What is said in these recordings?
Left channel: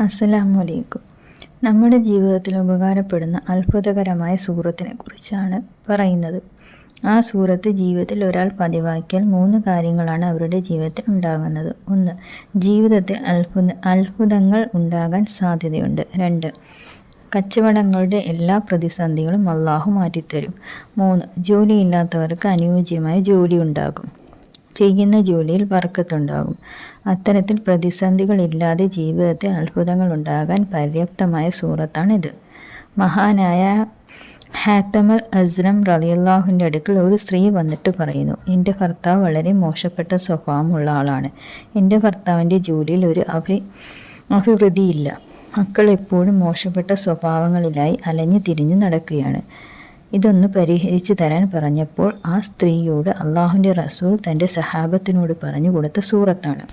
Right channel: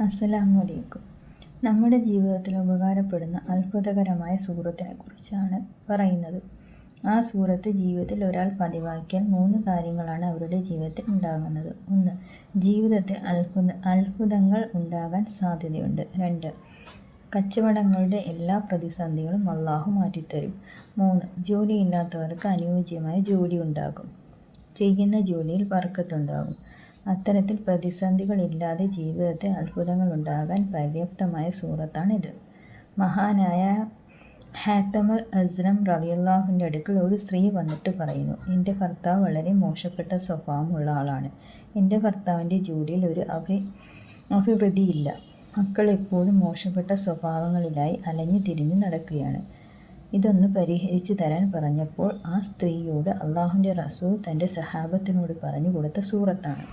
അസ്സലാമലൈക്കും. നമ്മുടെ ജീവിതത്തിൽ ഉപകാരപ്പെടുന്ന അത്ഭുതകരമായ സൂറത്തിനെ കുറിച്ചാണ് പറയുന്നത്. ആ സൂറത്ത് ജീവിതത്തിൽ ഒരാൾ പതിവാക്കിയാൽ മൂന്ന് കാര്യങ്ങളാണ് അവരുടെ ജീവിതത്തിൽ ഉണ്ടാകുന്നത്. ഒന്ന് ജീവിതത്തിൽ അത്ഭുത അത്ഭുതങ്ങൾ ഉണ്ടാകാൻ സാധ്യതയുണ്ട്. രണ്ട് കച്ചവടങ്ങളുടെ എല്ലാ പ്രതിസന്ധികളും അള്ളാഹു മാറ്റിത്തരും. മൂന്ന് ജോലിയില്ലാത്തവർക്ക് അനുയോജ്യമായ ജോലി ഉണ്ടാകും. ചെയ്യുന്ന ജോലിയിൽ വർക്കത്തുണ്ടാകും അത്തരത്തിൽ പ്രതിസന്ധികളില്ലാതെ ജീവിതത്തിൽ അത്ഭുതങ്ങൾ ഉണ്ടാകാൻ പര്യാപ്തമായ സൂറത്താണിത്. മഹാനായ ഹാത്തമൽ അസ്രം റലിയല്ലാഹുവിന്റെ അടുക്കൽ ഒരു സ്ത്രീ വന്നിട്ട് പറയുന്നു എന്റെ ഭർത്താവ് വളരെ മോശപ്പെട്ട സ്വഭാവമുള്ള ആളാണ്. എന്റെ ഭർത്താവിന്റെ ജോലിയിൽ ഒരു അഭി അഭിവൃദ്ധിയില്ല. മക്കൾ എപ്പോഴും മോശപ്പെട്ട സ്വഭാവങ്ങളിലായി അലഞ്ഞു തിരിഞ്ഞു നടക്കുകയാണ്. ഇതൊന്ന് പരിഹരിച്ചു തരാൻ പറഞ്ഞപ്പോൾ ആ സ്ത്രീയോട് അള്ളാഹുവിന്റെ റസൂൽ തന്റെ സഹാബത്തിനോട് പറഞ്ഞു കൊടുത്ത സൂറത്താണ്.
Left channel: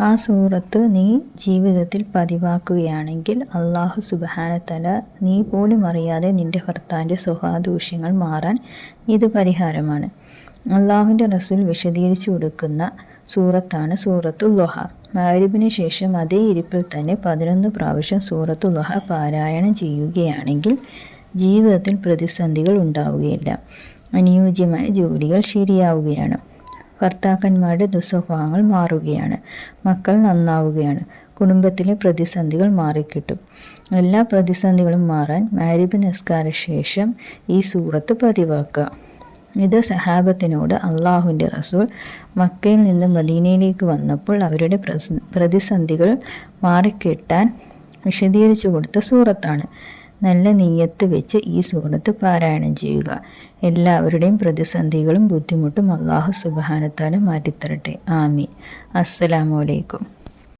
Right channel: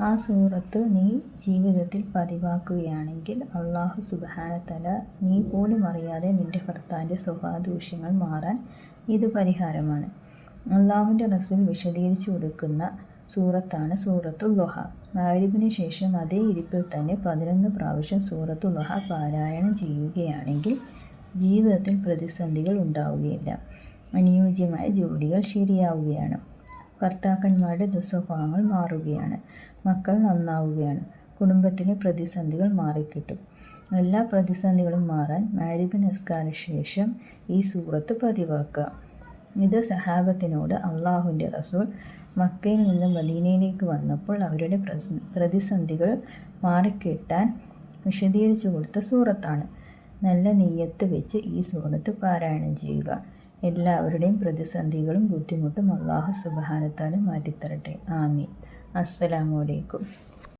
ആ സൂറത്ത് നീ ജീവിതത്തിൽ പതിവാക്കുകയാണെങ്കിൽ അള്ളാഹു സുബാനത്തല നീ പോലും അറിയാതെ നിന്റെ ഭർത്താവിന്റെ സ്വഭാവദൂഷ്യങ്ങൾ മാറാൻ ഇത് പരിഹാരമാണ്. അള്ളാഹുവിന്റെ റസൂൽ വിശദീകരിച്ചു കൊടുക്കുന്ന സൂറത്താണ് സൂറത്തുൽ ലൊഹ മാരിബിന് ശേഷം അതേ ഇരിപ്പിൽ തന്നെ പതിനൊന്ന് പ്രാവശ്യം സൂറത്തു ലുഹ പാരായണം ചെയ്യുകയാണെങ്കിൽ ജീവിതത്തിൽ പ്രതിസന്ധികൾ ഉണ്ടാവുകയില്ല. അനുയോജ്യമായ ജോലികൾ ശരിയാവുകയാണ്. ഭർത്താക്കന്മാരുടെ ദുസ്വഭാവങ്ങൾ മാറുകയാണ്. മക്കൾ നന്നാവുകയാണ്. കുടുംബത്തിലെ പ്രതിസന്ധികൾ മാറിക്കിട്ടും. എല്ലാ പ്രതിസന്ധികളും മാറാൻ മാരിബ് നിസ്കാര ശേഷം ഈ സൂറത്ത് പതിവാക്കുക. ഇത് സഹാബത്തിനോട് അള്ളാഹുവിന്റെ റസൂൽ മക്കയിൽ നിന്ന് മദീനയിലേക്ക് വന്നപ്പോൾ അവരുടെ പ്രതിസന്ധികൾ മാറിക്കിട്ടാൻ വിശദീകരിച്ചു കൊടുത്ത സൂറത്താണ്. നല്ല നീയത്ത് വെച്ച് ഈ സൂറത്ത് പാരായണം ചെയ്യുക. എല്ലാവരുടെയും പ്രതിസന്ധികളും ബുദ്ധിമുട്ടും അള്ളാഹു സുബാനത്താലും മാറ്റിത്തരട്ടെ. ആമി അസ്സലാമലൈക്കും